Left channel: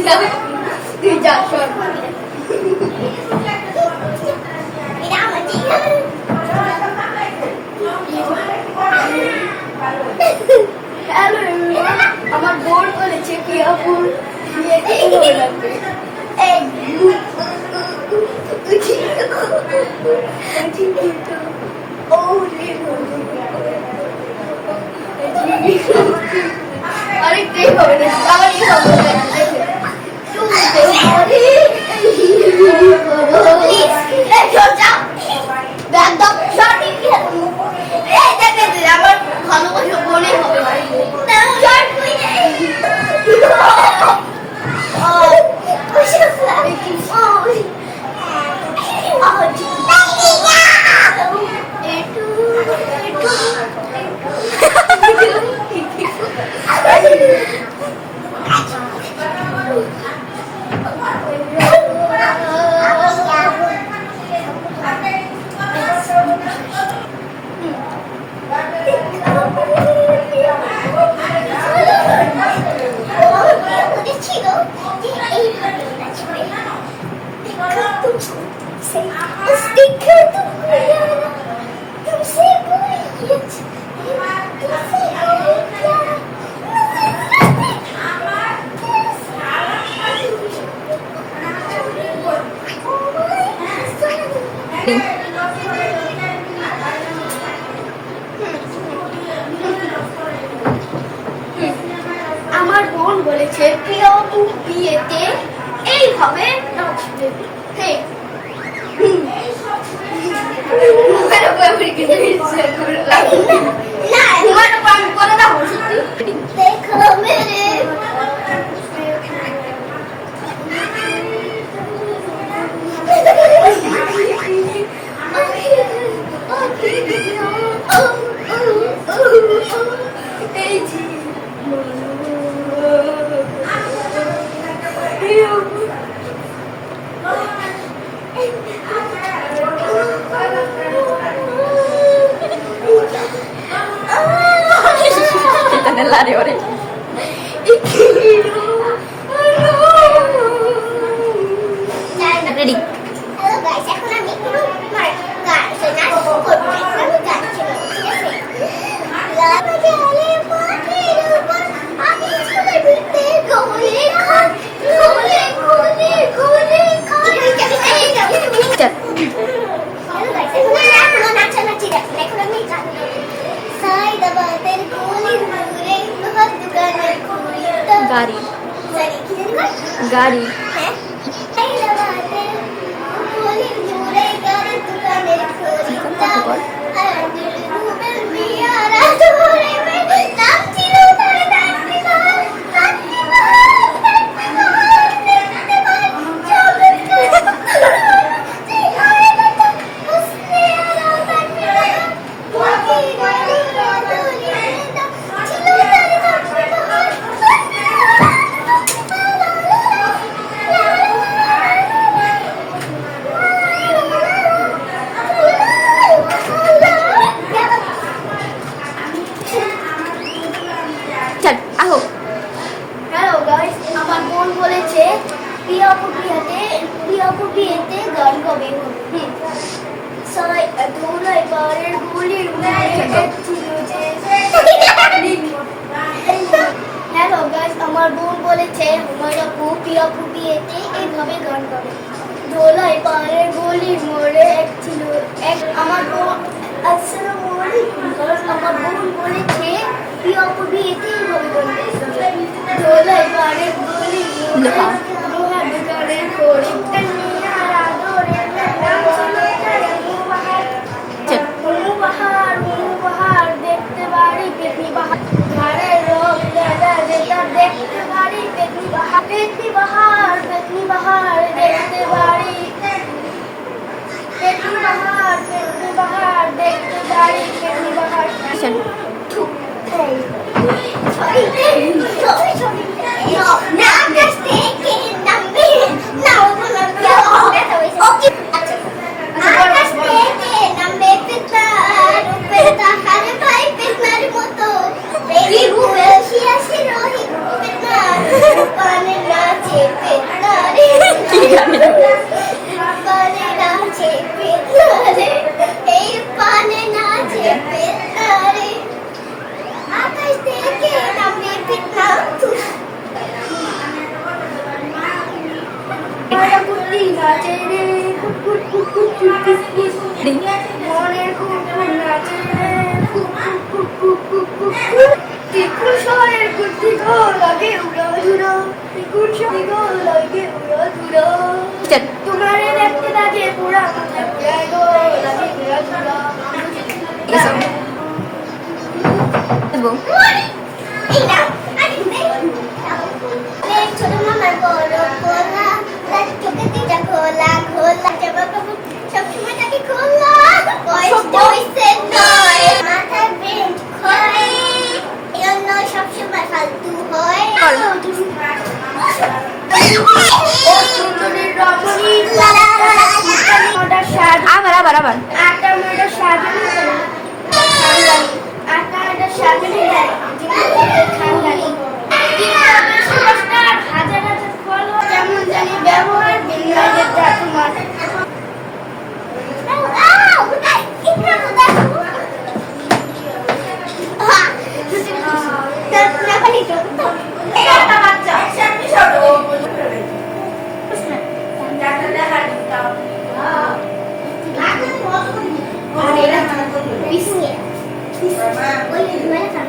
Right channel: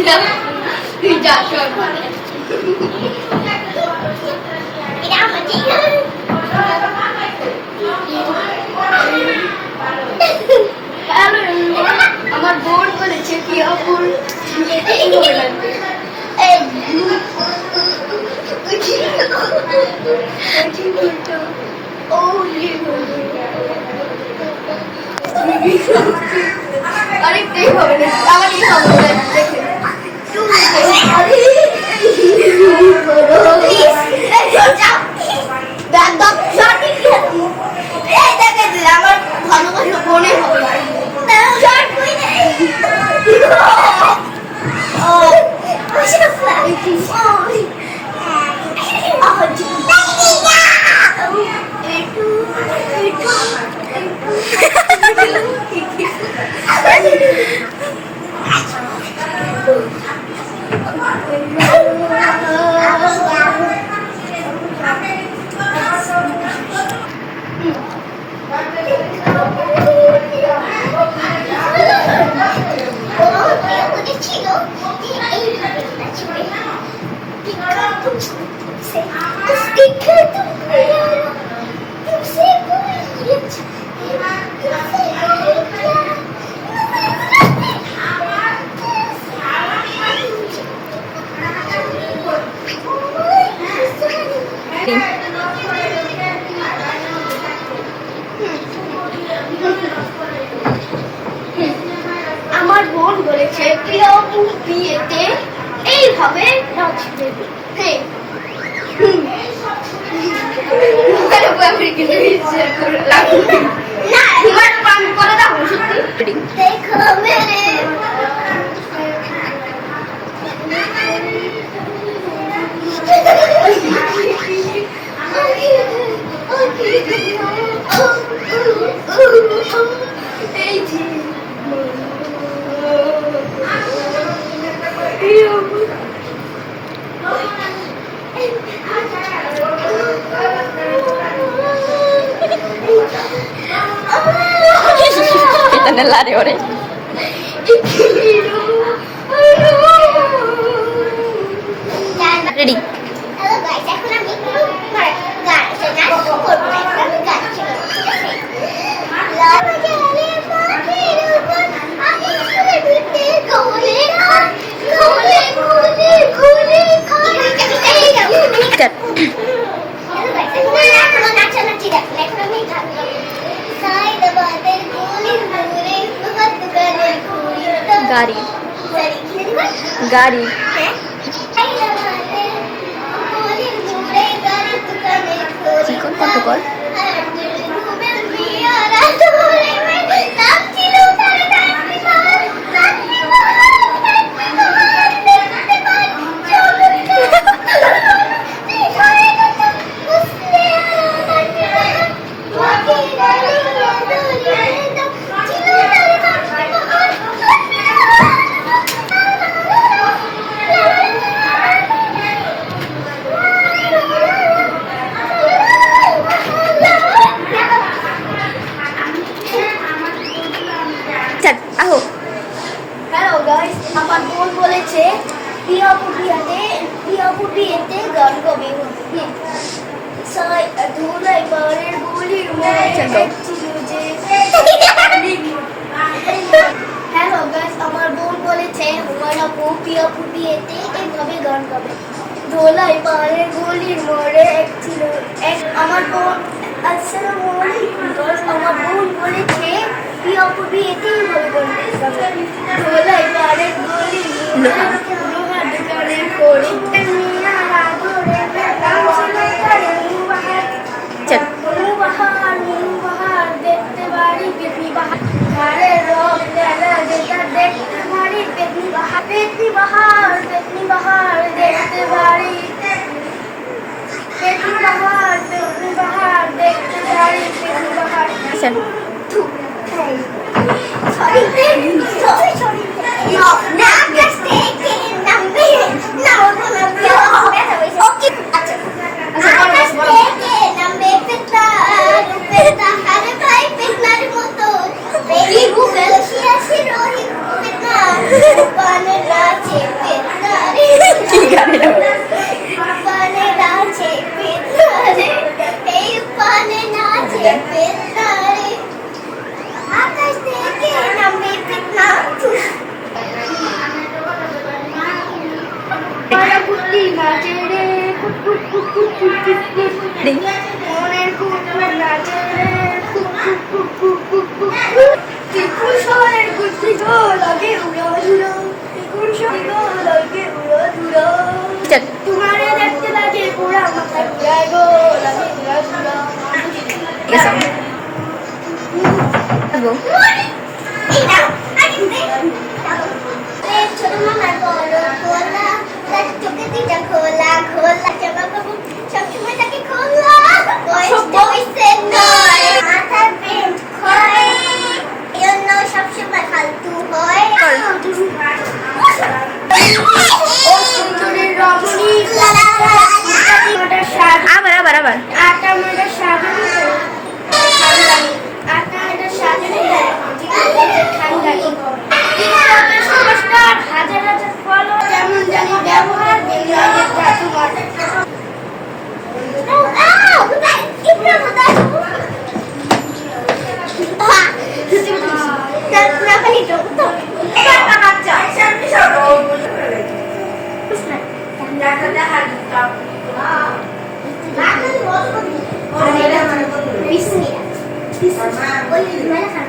তুই যা সর আমার বোন বলেছে কি অপুর আরেকটাই হবে না তাহলেই হবে আমার ভালো করে মনে হবে আমার বোন বলেছে প্রিয় বিয়েতে এইভাবে নাচবে হ্যাঁ nell'area ore. Ready? Hello guys, এখন আমি গাছ নাচ করবো এখন আমি গাছ ছিল ঠিক আছে লাল জালে মাটির উপর আমি শুনে ভিড়তে কোলে কোলে কোলে কোলে কোলে এই যাও হ্যালো গাইস এখন আমি নাচানাচি দেখো এখন আমি গান গাবো সাই দবাতে কোলের মুরে হাত দুগানের খুলি গাড়ি সরি কি জানি গাড়ি হ্যাঁ সাই দবাতে কোলের মুরে গাড়ি দুগানের খুলি চিকন কত কর ঘুমের বিয়ারা তোরে নাচছিল তারে নাচছিল চল আহো হ্যালো গাইস আমার বোন বলেছে প্রিয়াপু বিয়েতে গান গাবে সাই ধুলাই বারের গুলির হ্যালো গাইস আমার বোন বলেছে আমার আপু প্রিয়াপু বিয়েতে এইভাবে গান গাবে ধোলাই পাড়ের গলির মোড়ে এক ছিল এক আমার বোন আসসালামু আলাইকুম আমার বোন বলেছে প্রিয়াপু বিয়েতে এইভাবে গান গাবে ধোলাই পাড়ের গলির মোড়ে লোহার দোকানের কোড়ে চল বাহার দেখতে বাড়ি পেতনি বাহার ধারে রোগ দাদা যেটা দেখতে বাড়ি পেতনি বাহার দেখতে বাড়ি পেতনি বাহার দেখতে বাড়ি পেতনি বাহার চল Sorry. No, now just take it. No, okay. Just take it. Now make it bad. Peta, hare bhai, petnar moto. Baby, who will she has it? Rohi, petnar. Pane rache. গানে ঢোল। পানে নাচে পেতারে, এই পানে নাচে পেতারে, আকাশ থেকে নামে পিতা। আমার কুটি নাচে রে কুট কুট কুট কুট কুট কুট কুট। রিং। মনের কুকুর নাচে রে কুট কুট কুট কুট কুট কুট কুট। ত্রিপুর শহরের কুটি গো লাগে উড়ো ধুরো, ত্রিপুর শহর গো লাগে উড়ো ধুরো। চল। তোমারে দেখতে লাগে পুরা মাথা ঘুরায় গো লাগে উড়ো ধুরো। এসব বউ। এই নাও, আগে দে। এই ছোট মামার বড় খোলা, তার চোখে দুইটা খোলা খোলা, জামা কাপড় সবসময় তাকে খোলা, বয়সটা হইছে নয়, মাথার ব্রেন ক্ষয়, এজন্য সবসময় ফালতু হয়। কর। ও সুন্দরীর রমণী আটার স্বাদ আবার আবার আবার। আটা মাটা সাজানো ঠান্ডা আটা সাজানো ঠান্ডা সুপারস্টার হাজার হাজার ফলো যেমন জানি ব্যবহার বিনিয়োগের দাতু মাটা আউ, কোথায়? ইবরা কোথায়? না পানি তো তো। বাচ্চা ওই মেলা খান